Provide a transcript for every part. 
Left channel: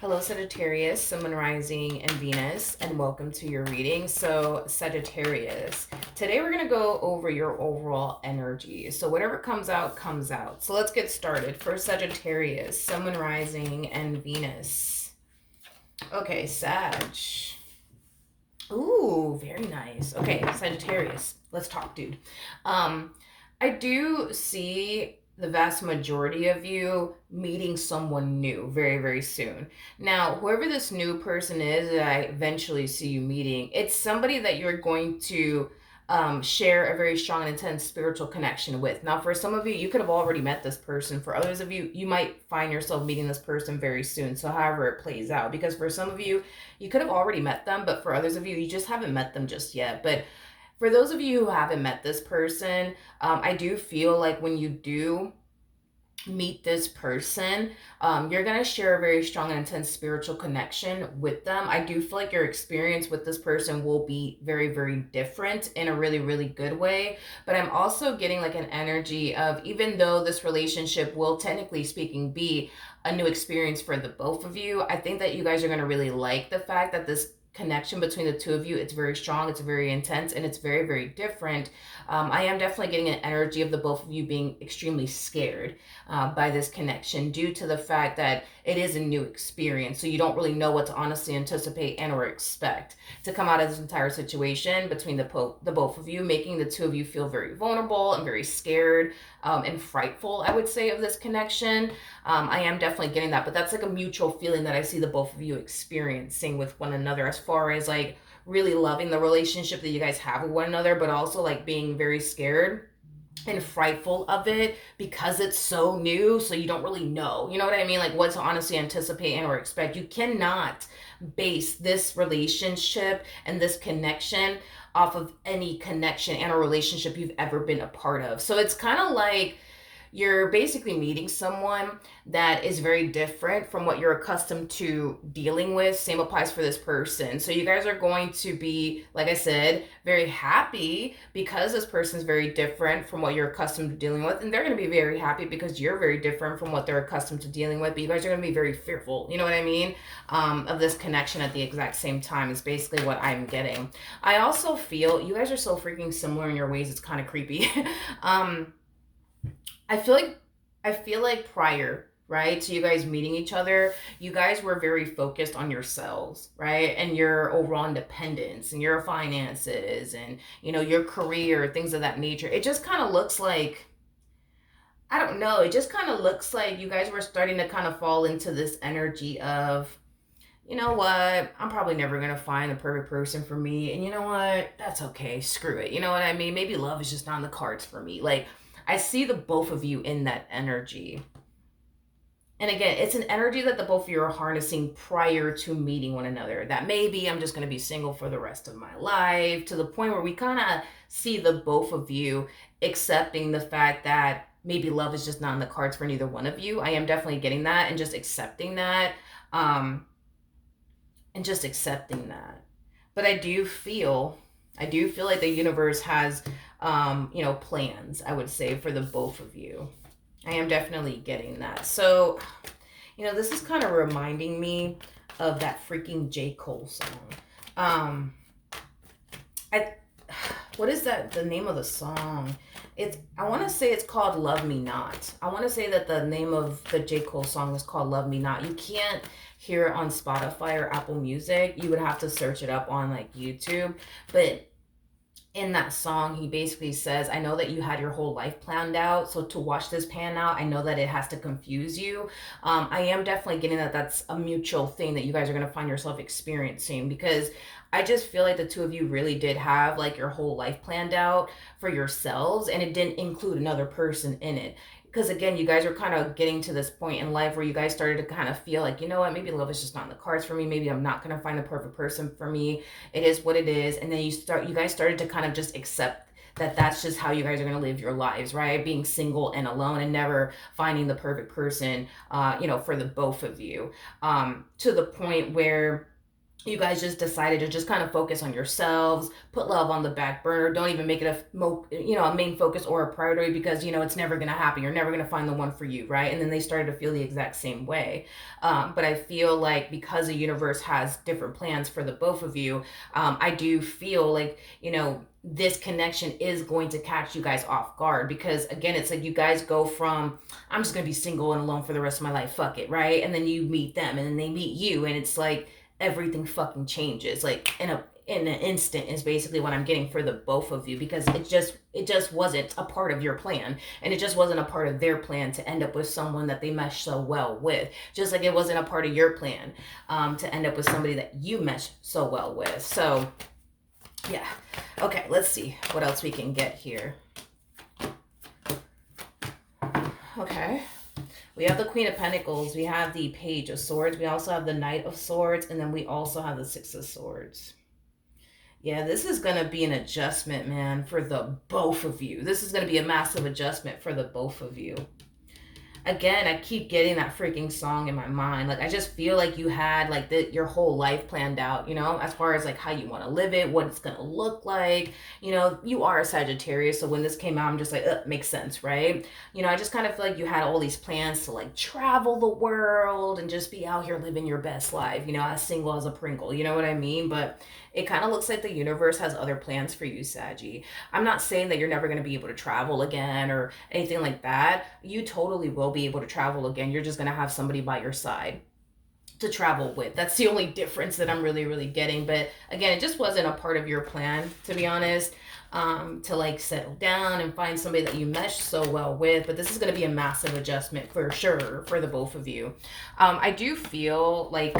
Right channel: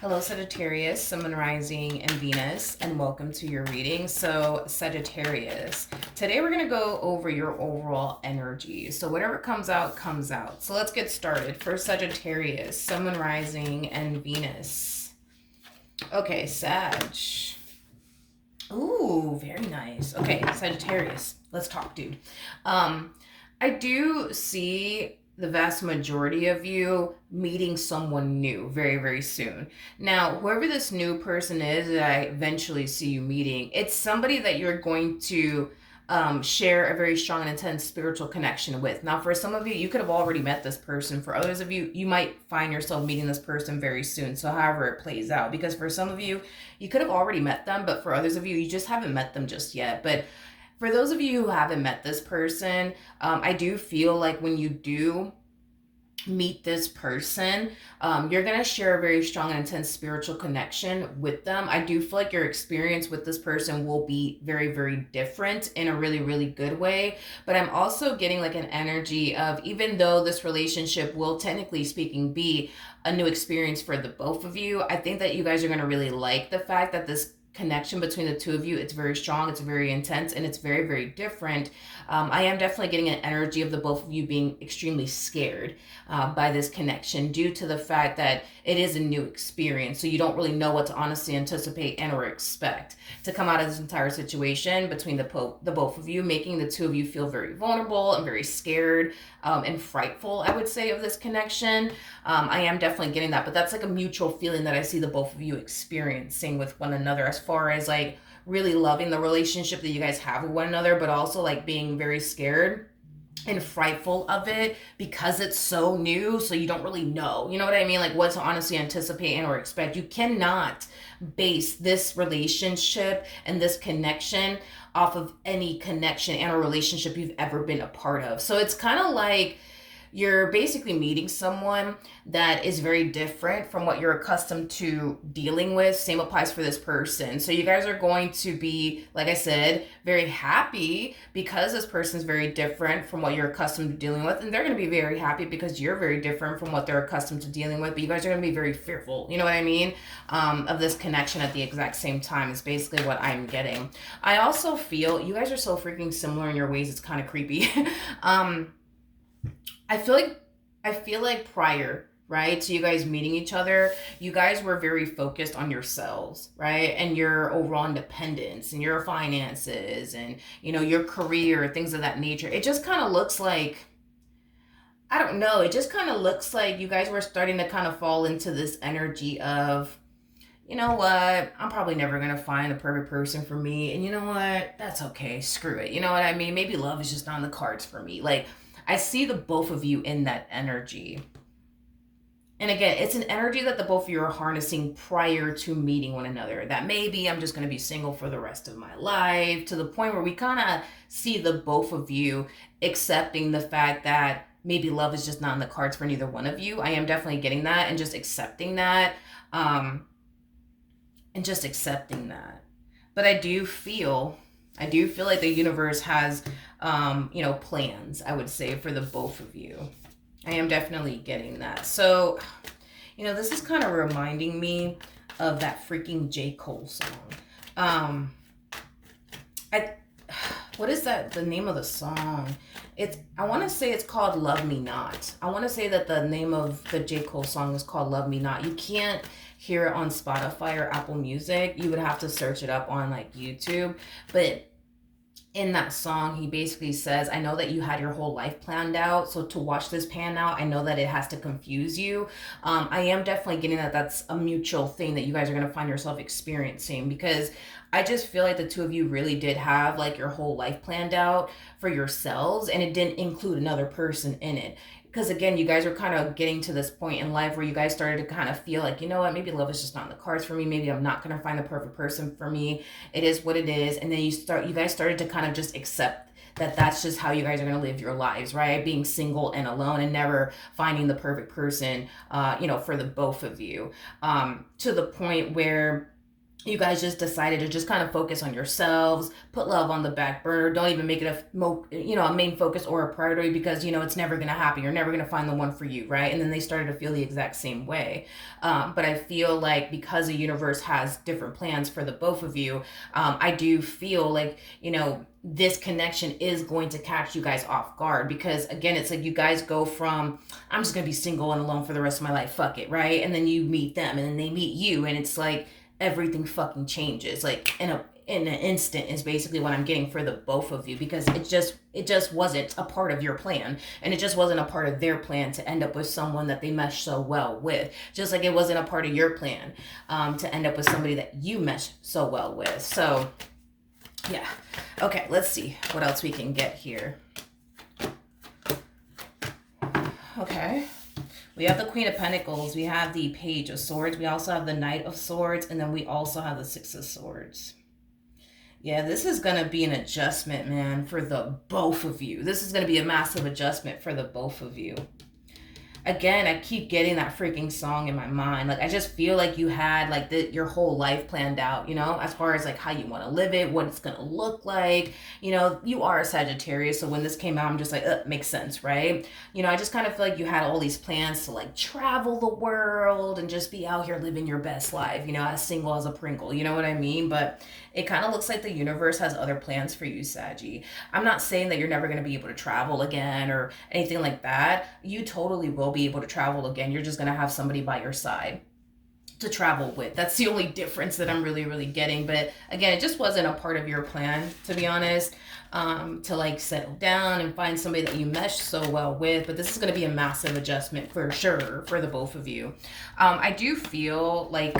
Hello, Sagittarius, Sun, Moon, Rising, and Venus, and welcome to your reading. So, Sagittarius, today we're going to go over your overall energy. So, whatever comes out, comes out. So, let's get started. For Sagittarius, Sun, Moon, Rising, and Venus. Okay, Sag. Ooh, very nice. Okay, Sagittarius, let's talk, dude. I do see the vast majority of you meeting someone new very, very soon. Now, whoever this new person is that I eventually see you meeting, it's somebody that you're going to share a very strong and intense spiritual connection with. Now, for some of you, you could have already met this person. For others of you, you might find yourself meeting this person very soon. So, however it plays out, because for some of you, you could have already met them, but for others of you, you just haven't met them just yet. But for those of you who haven't met this person, I do feel like when you do meet this person, you're going to share a very strong and intense spiritual connection with them. I do feel like your experience with this person will be very, very different in a really, really good way. But I'm also getting like an energy of, even though this relationship will technically speaking be a new experience for the both of you, I think that you guys are going to really like the fact that this connection between the two of you, it's very strong, it's very intense, and it's very, very different. I am definitely getting an energy of the both of you being extremely scared by this connection, due to the fact that it is a new experience, so you don't really know what to honestly anticipate and or expect to come out of this entire situation between the both of you, making the two of you feel very vulnerable and very scared and frightful, I would say, of this connection. I am definitely getting that, but that's like a mutual feeling that I see the both of you experiencing with one another, as far as like really loving the relationship that you guys have with one another, but also like being very scared and frightful of it because it's so new, so you don't really know, you know what I mean, like what to honestly anticipate and or expect. You cannot base this relationship and this connection off of any connection and a relationship you've ever been a part of. So it's kind of like you're basically meeting someone that is very different from what you're accustomed to dealing with. Same applies for this person. So you guys are going to be, like I said, very happy because this person's very different from what you're accustomed to dealing with. And they're going to be very happy because you're very different from what they're accustomed to dealing with. But you guys are going to be very fearful, you know what I mean, of this connection at the exact same time is basically what I'm getting. I also feel you guys are so freaking similar in your ways. It's kind of creepy. I feel like prior, right, to you guys meeting each other, you guys were very focused on yourselves, right? And your overall independence and your finances and, you know, your career, things of that nature. It just kind of looks like, I don't know, it just kind of looks like you guys were starting to kind of fall into this energy of, you know what, I'm probably never going to find the perfect person for me. And you know what, that's okay. Screw it. You know what I mean? Maybe love is just on the cards for me. Like, I see the both of you in that energy. And again, it's an energy that the both of you are harnessing prior to meeting one another. That maybe I'm just going to be single for the rest of my life, to the point where we kind of see the both of you accepting the fact that maybe love is just not in the cards for neither one of you. I am definitely getting that and just accepting that. And just accepting that. But I do feel like the universe has plans, I would say, for the both of you. I am definitely getting that. So, this is kind of reminding me of that freaking J. Cole song. I what is that, the name of the song? I want to say it's called Love Me Not. I want to say that the name of the J. Cole song is called Love Me Not. You can't hear it on Spotify or Apple Music. You would have to search it up on like YouTube. But in that song, he basically says, I know that you had your whole life planned out, so to watch this pan out, I know that it has to confuse you. I am definitely getting that that's a mutual thing that you guys are going to find yourself experiencing, because I just feel like the two of you really did have like your whole life planned out for yourselves, and it didn't include another person in it. Because again, you guys are kind of getting to this point in life where you guys started to kind of feel like, you know what, maybe love is just not in the cards for me. Maybe I'm not going to find the perfect person for me. It is what it is. And then you guys started to kind of just accept that that's just how you guys are going to live your lives, right? Being single and alone and never finding the perfect person, for the both of you, to the point where you guys just decided to just kind of focus on yourselves, put love on the back burner, don't even make it a main focus or a priority, because it's never going to happen, you're never going to find the one for you, right? And then they started to feel the exact same way. But I feel like because the universe has different plans for the both of you, I do feel like this connection is going to catch you guys off guard, because again, it's like you guys go from, I'm just going to be single and alone for the rest of my life, fuck it, right? And then you meet them, and then they meet you, and it's like everything fucking changes like in an instant, is basically what I'm getting for the both of you, because it just wasn't a part of your plan, and it just wasn't a part of their plan to end up with someone that they mesh so well with, just like it wasn't a part of your plan to end up with somebody that you mesh so well with. So yeah, okay, let's see what else we can get here. Okay, we have the Queen of Pentacles, we have the Page of Swords, we also have the Knight of Swords, and then we also have the Six of Swords. Yeah, this is going to be an adjustment, man, for the both of you. This is going to be a massive adjustment for the both of you. Again, I keep getting that freaking song in my mind. Like, I just feel like you had like your whole life planned out, as far as like how you want to live it, what it's going to look like. You are a Sagittarius, so when this came out, I'm just like, makes sense, right? I just kind of feel like you had all these plans to like travel the world and just be out here living your best life, as single as a Pringle, you know what I mean? But it kind of looks like the universe has other plans for you, Saggy. I'm not saying that you're never going to be able to travel again or anything like that. You totally will be able to travel again. You're just going to have somebody by your side to travel with. That's the only difference that I'm really, really getting. But again, it just wasn't a part of your plan, to be honest, to like settle down and find somebody that you mesh so well with. But this is going to be a massive adjustment for sure for the both of you. I do feel like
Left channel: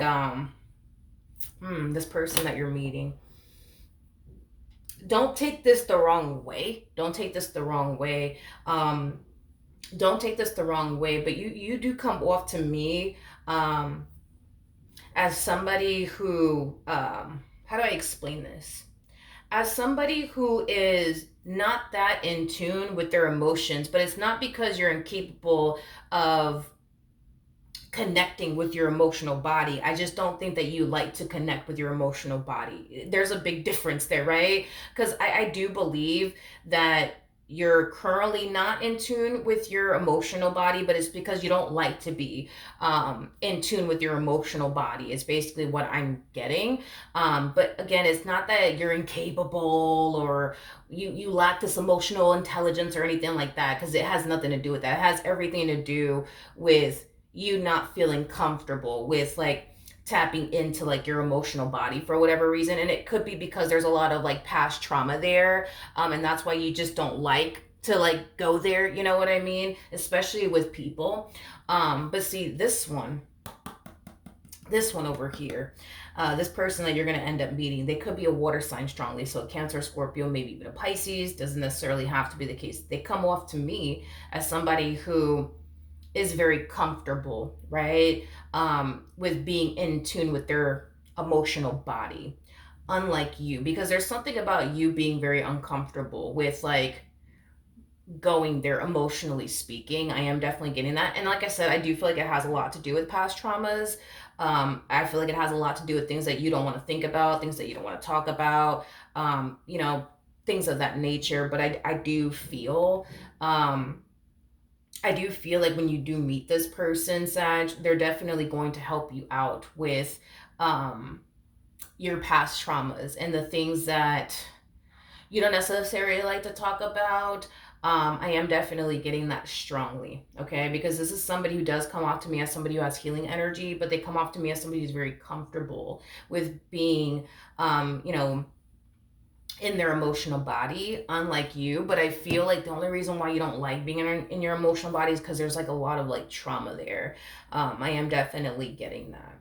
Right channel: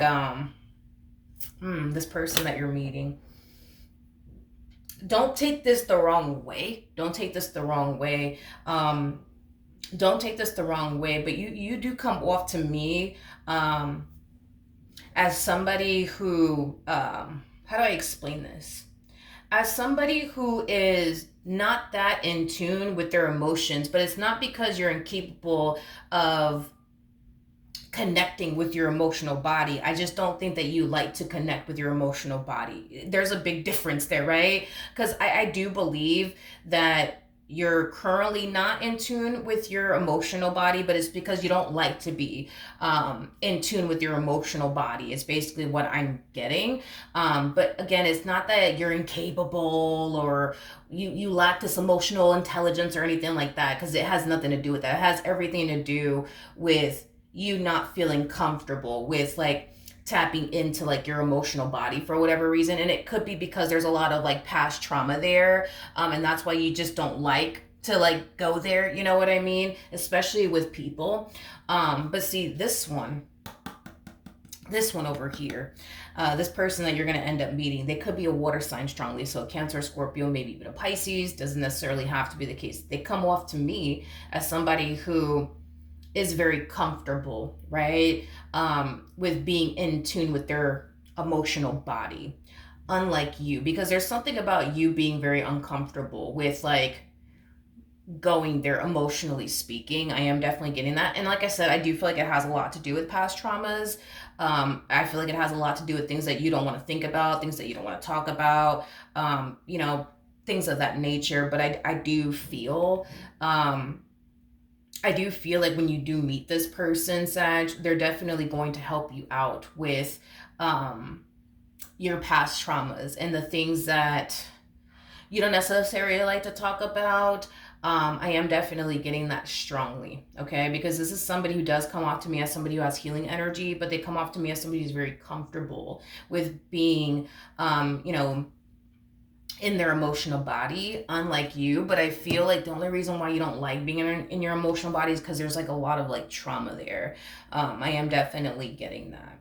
this person that you're meeting, don't take this the wrong way. Don't take this the wrong way. Don't take this the wrong way, but you do come off to me as somebody who, how do I explain this? As somebody who is not that in tune with their emotions, but it's not because you're incapable of connecting with your emotional body. I just don't think that you like to connect with your emotional body. There's a big difference there, right? Because I do believe that you're currently not in tune with your emotional body, but it's because you don't like to be in tune with your emotional body. It's basically what I'm getting. But again, it's not that you're incapable or you lack this emotional intelligence or anything like that, because it has nothing to do with that. It has everything to do with you not feeling comfortable with like tapping into like your emotional body for whatever reason. And it could be because there's a lot of like past trauma there, and that's why you just don't like to like go there, you know what I mean, especially with people. But see, this one over here, this person that you're going to end up meeting, they could be a water sign strongly, so Cancer, Scorpio, maybe even a Pisces. Doesn't necessarily have to be the case. They come off to me as somebody who is very comfortable, right? With being in tune with their emotional body, unlike you, because there's something about you being very uncomfortable with like going there emotionally speaking. I am definitely getting that. And like I said, I do feel like it has a lot to do with past traumas. I feel like it has a lot to do with things that you don't want to think about, things that you don't want to talk about, things of that nature. But I do feel like when you do meet this person, Sag, they're definitely going to help you out with your past traumas and the things that you don't necessarily like to talk about. I am definitely getting that strongly, okay? Because this is somebody who does come off to me as somebody who has healing energy, but they come off to me as somebody who's very comfortable with being, in their emotional body, unlike you. But I feel like the only reason why you don't like being in your emotional body is because there's like a lot of like trauma there. I am definitely getting that.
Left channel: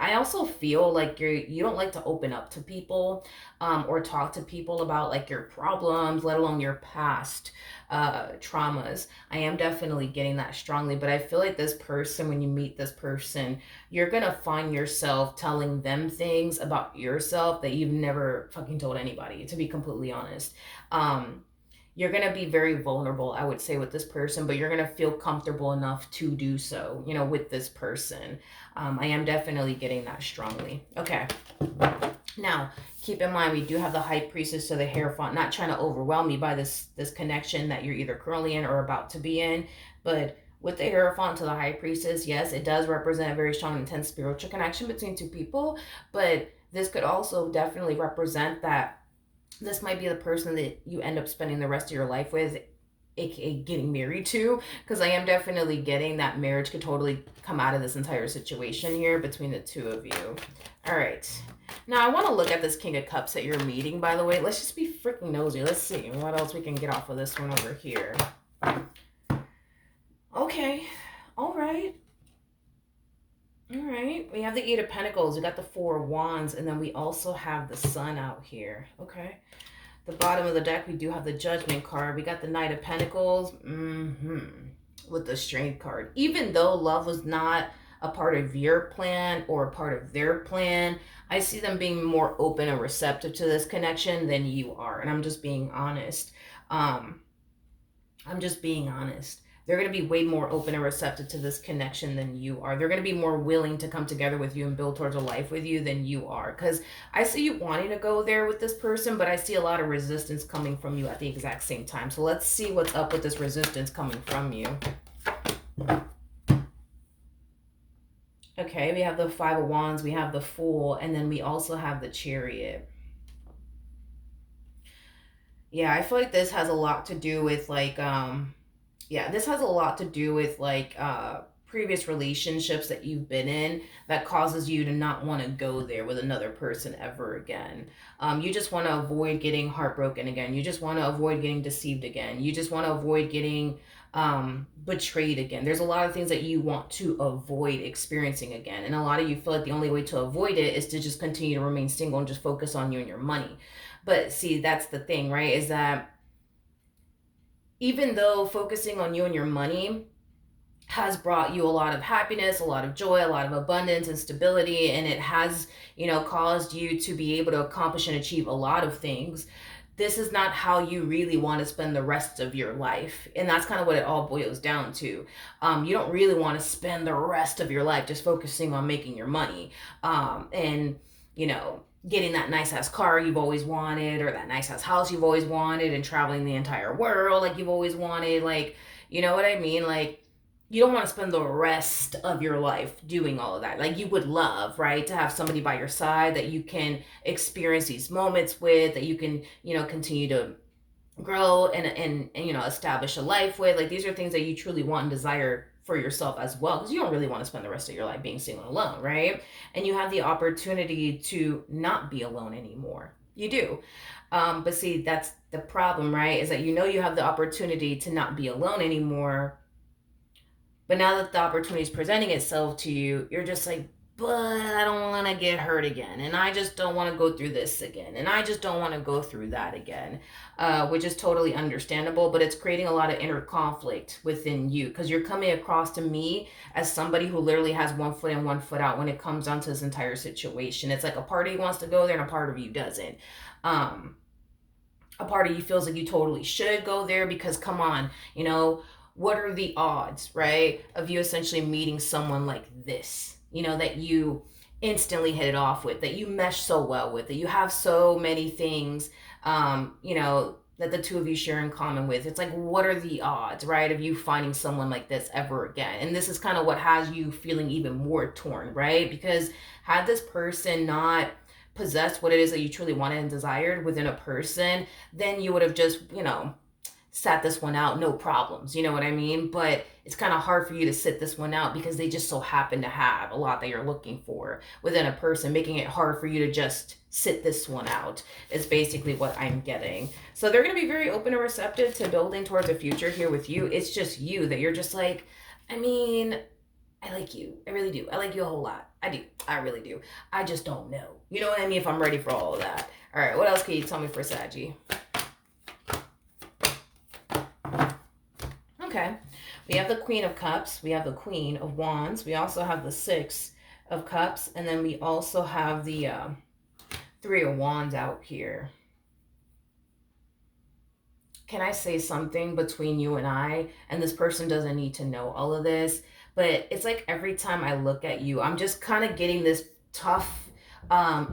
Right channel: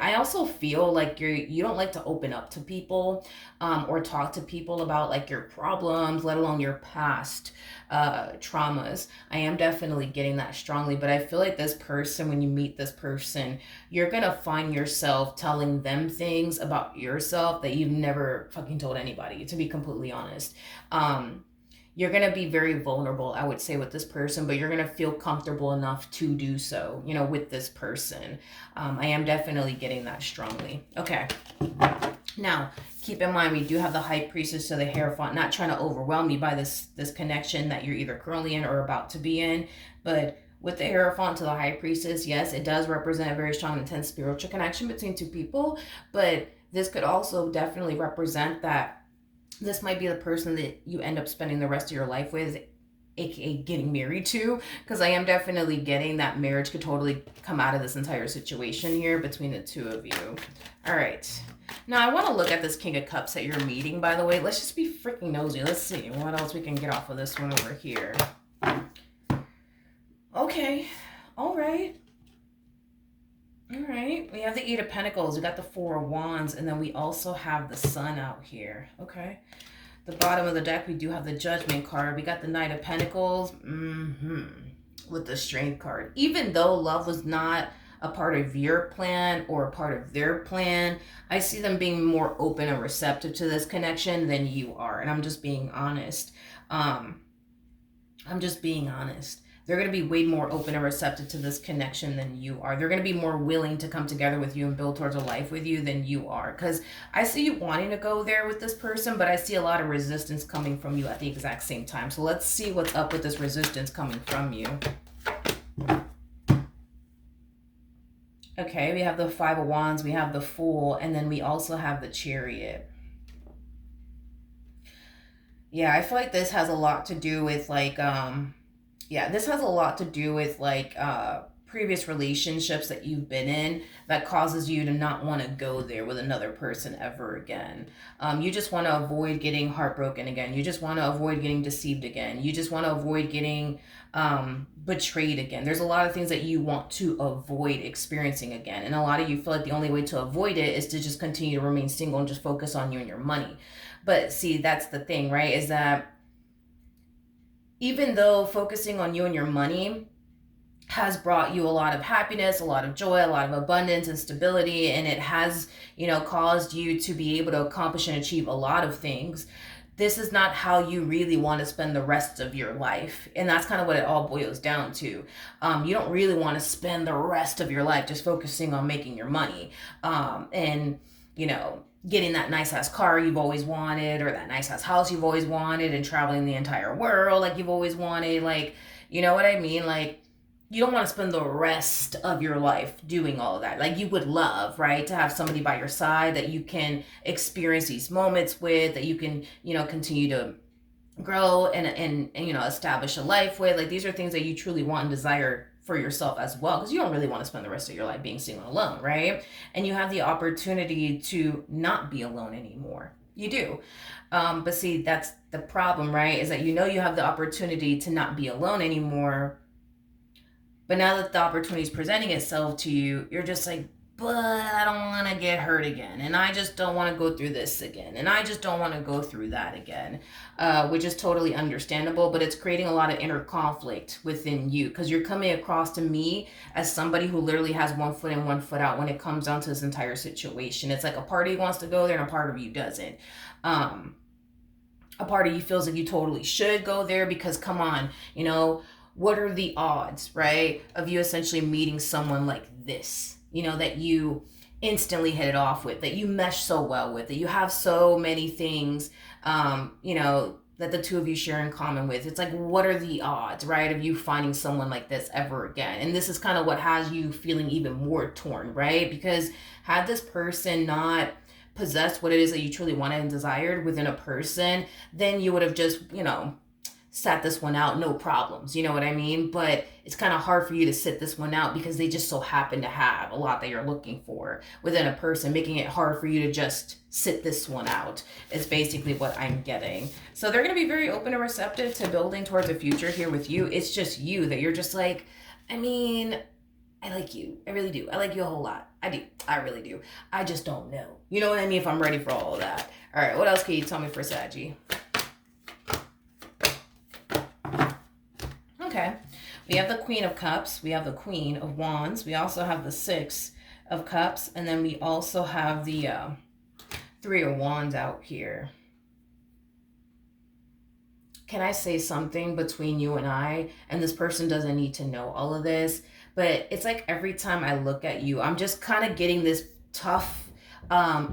I also feel like you don't like to open up to people, or talk to people about like your problems, let alone your past traumas. I am definitely getting that strongly. But I feel like this person, when you meet this person, you're gonna find yourself telling them things about yourself that you've never fucking told anybody, to be completely honest. you're going to be very vulnerable, I would say, with this person, but you're going to feel comfortable enough to do so, you know, with this person. I am definitely getting that strongly. Okay. Now, keep in mind, we do have the High Priestess to the Hierophant, not trying to overwhelm you by this connection that you're either currently in or about to be in, but with the Hierophant to the High Priestess, yes, it does represent a very strong, intense spiritual connection between two people, but this could also definitely represent that this might be the person that you end up spending the rest of your life with, aka getting married to, because I am definitely getting that marriage could totally come out of this entire situation here between the two of you. All right. Now, I want to look at this King of Cups that you're meeting, by the way. Let's just be freaking nosy. Let's see what else we can get off of this one over here. Okay. All right. All right. We have the Eight of Pentacles. We got the Four of Wands. And then we also have the Sun out here. Okay. The bottom of the deck, we do have the Judgment card. We got the Knight of Pentacles. With the Strength card. Even though love was not a part of your plan or a part of their plan, I see them being more open and receptive to this connection than you are. And I'm just being honest. They're going to be way more open and receptive to this connection than you are. They're going to be more willing to come together with you and build towards a life with you than you are. Because I see you wanting to go there with this person, but I see a lot of resistance coming from you at the exact same time. So let's see what's up with this resistance coming from you. Okay, we have the Five of Wands, we have the Fool, and then we also have the Chariot. Yeah, I feel like this has a lot to do with like, this has a lot to do with like previous relationships that you've been in that causes you to not want to go there with another person ever again. You just want to avoid getting heartbroken again. You just want to avoid getting deceived again. You just want to avoid getting betrayed again. There's a lot of things that you want to avoid experiencing again. And a lot of you feel like the only way to avoid it is to just continue to remain single and just focus on you and your money. But see, that's the thing, right? Is that even though focusing on you and your money has brought you a lot of happiness, a lot of joy, a lot of abundance and stability, and it has, caused you to be able to accomplish and achieve a lot of things, this is not how you really want to spend the rest of your life. And that's kind of what it all boils down to. You don't really want to spend the rest of your life just focusing on making your money. And getting that nice ass car you've always wanted, or that nice ass house you've always wanted, and traveling the entire world like you've always wanted. Like, you know what I mean? Like, you don't want to spend the rest of your life doing all of that. Like, you would love, right, to have somebody by your side that you can experience these moments with, that you can, continue to grow and establish a life with. Like, these are things that you truly want and desire for yourself as well, because you don't really want to spend the rest of your life being single alone, right? And you have the opportunity to not be alone anymore. You do. But see, that's the problem, right? Is that you have the opportunity to not be alone anymore. But now that the opportunity is presenting itself to you, you're just like, but I don't want to get hurt again. And I just don't want to go through this again. And I just don't want to go through that again, which is totally understandable. But it's creating a lot of inner conflict within you, because you're coming across to me as somebody who literally has one foot in, one foot out when it comes down to this entire situation. It's like a part of you wants to go there and a part of you doesn't. A part of you feels like you totally should go there because, come on, what are the odds, right, of you essentially meeting someone like this, that you instantly hit it off with, that you mesh so well with, that you have so many things, that the two of you share in common with. It's like, what are the odds, right, of you finding someone like this ever again? And this is kind of what has you feeling even more torn, right? Because had this person not possessed what it is that you truly wanted and desired within a person, then you would have just, sat this one out, no problems, you know what I mean? But it's kind of hard for you to sit this one out because they just so happen to have a lot that you're looking for within a person, making it hard for you to just sit this one out is basically what I'm getting. So they're going to be very open and receptive to building towards a future here with you. It's just you that you're just like, I like you. I really do. I like you a whole lot. I do. I really do. I just don't know. You know what I mean? If I'm ready for all of that. All right. What else can you tell me for Saggy? Okay, we have the Queen of Cups, we have the Queen of Wands, we also have the Six of Cups, and then we also have the Three of Wands out here. can I say something between you and I? And this person doesn't need to know all of this, but it's like every time I look at you, I'm just kind of getting this tough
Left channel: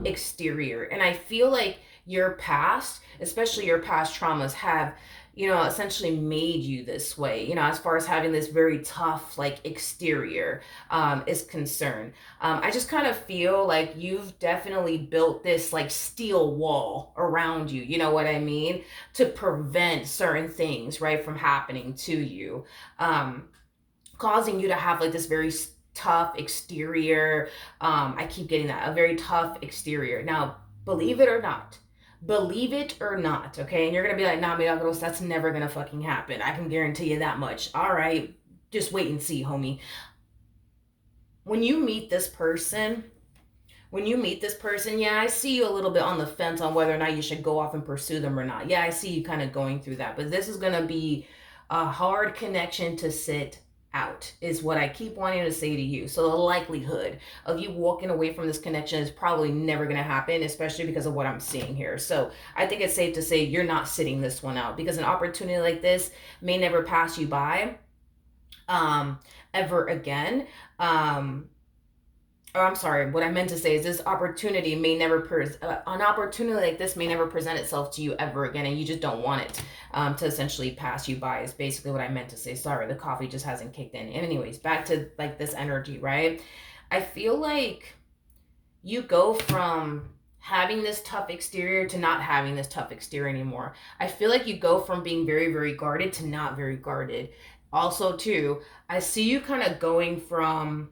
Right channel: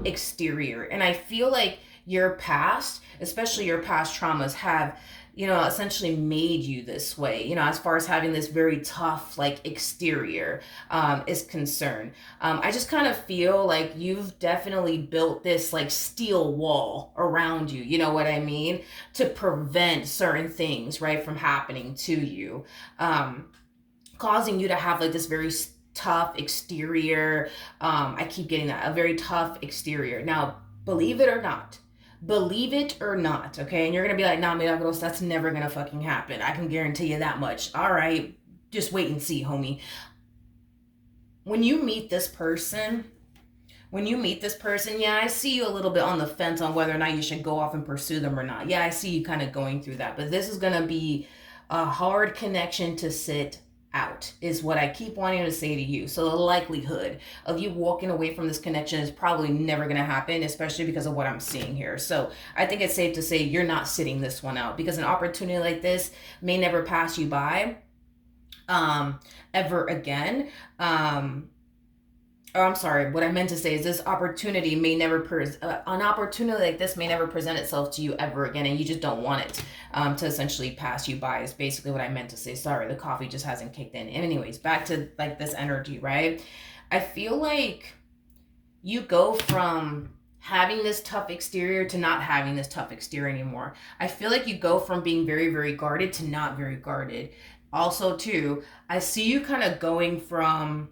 exterior. And I feel like your past, especially your past traumas, have, essentially made you this way, as far as having this very tough, like, exterior is concerned. I just kind of feel like you've definitely built this, like, steel wall around you, you know what I mean? To prevent certain things, right, from happening to you. Um, Causing you to have like this very tough exterior. I keep getting that, a very tough exterior. Now, believe it or not, believe it or not, okay? And you're gonna be like, nah, milagros, that's never gonna fucking happen. I can guarantee you that much. All right, just wait and see, homie. When you meet this person, yeah, I see you a little bit on the fence on whether or not you should go off and pursue them or not. Yeah, I see you kind of going through that, but this is going to be a hard connection to sit out, is what I keep wanting to say to you. So the likelihood of you walking away from this connection is probably never going to happen, especially because of what I'm seeing here. So I think it's safe to say you're not sitting this one out, because an opportunity like this may never pass you by ever again. Or I'm sorry, what I meant to say is this opportunity may never, an opportunity like this may never present itself to you ever again, and you just don't want it to essentially pass you by, is basically what I meant to say. Sorry, the coffee just hasn't kicked in. Anyways, back to like this energy, right? I feel like you go from having this tough exterior to not having this tough exterior anymore. I feel like you go from being very, very guarded to not very guarded. Also, too, I see you kind of going from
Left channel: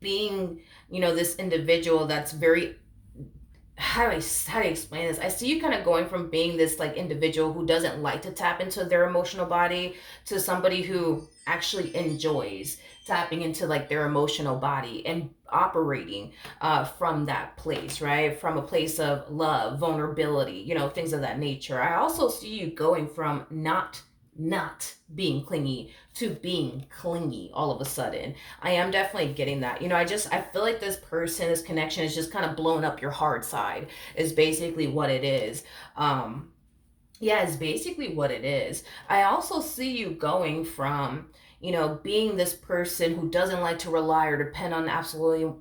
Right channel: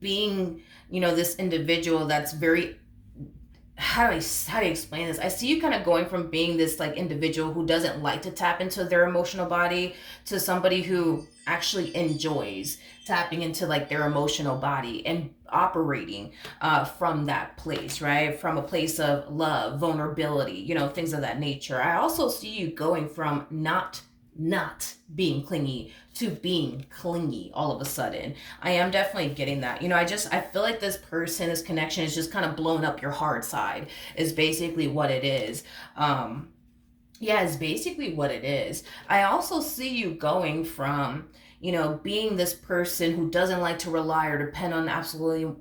being, this individual that's very, how do I explain this? I see you kind of going from being this like individual who doesn't like to tap into their emotional body to somebody who actually enjoys tapping into like their emotional body and operating from that place, right? From a place of love, vulnerability, things of that nature. I also see you going from not being clingy to being clingy all of a sudden. I am definitely getting that. I feel like this connection is just kind of blown up your hard side, is basically what it is. Yeah, it's basically what it is. I also see you going from, being this person who doesn't like to rely or depend on absolutely,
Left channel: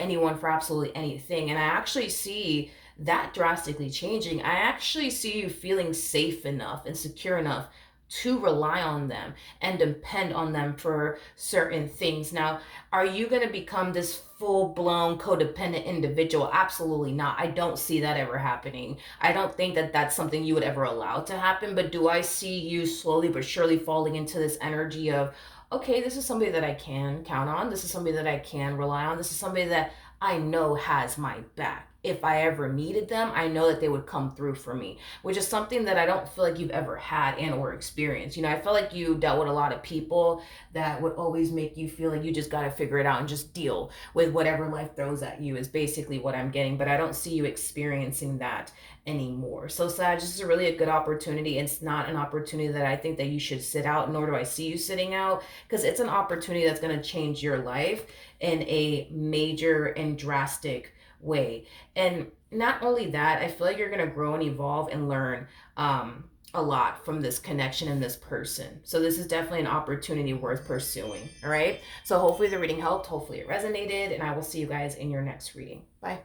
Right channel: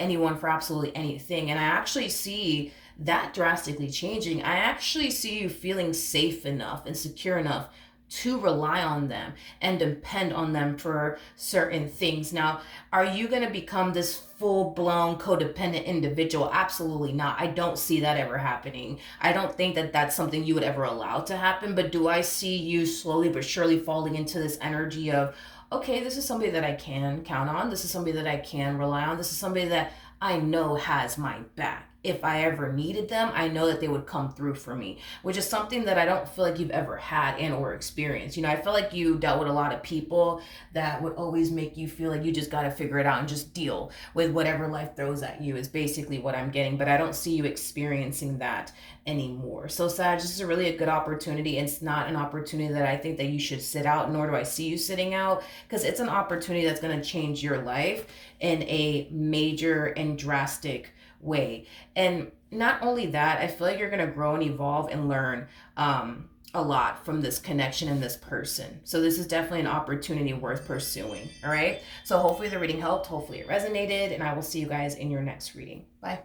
anyone for absolutely anything. And I actually see that drastically changing. I actually see you feeling safe enough and secure enough to rely on them and depend on them for certain things. Now, are you going to become this full-blown codependent individual? Absolutely not. I don't see that ever happening. I don't think that that's something you would ever allow to happen, but do I see you slowly but surely falling into this energy of, okay, this is somebody that I can count on. This is somebody that I can rely on. This is somebody that I know has my back. If I ever needed them, I know that they would come through for me, which is something that I don't feel like you've ever had and or experienced. I feel like you dealt with a lot of people that would always make you feel like you just got to figure it out and just deal with whatever life throws at you, is basically what I'm getting. But I don't see you experiencing that anymore. So Sag, this is really a good opportunity. It's not an opportunity that I think that you should sit out, nor do I see you sitting out, because it's an opportunity that's going to change your life in a major and drastic way. And not only that, I feel like you're going to grow and evolve and learn a lot from this connection and this person. So this is definitely an opportunity worth pursuing. All right. So hopefully the reading helped. Hopefully it resonated. And I will see you guys in your next reading. Bye.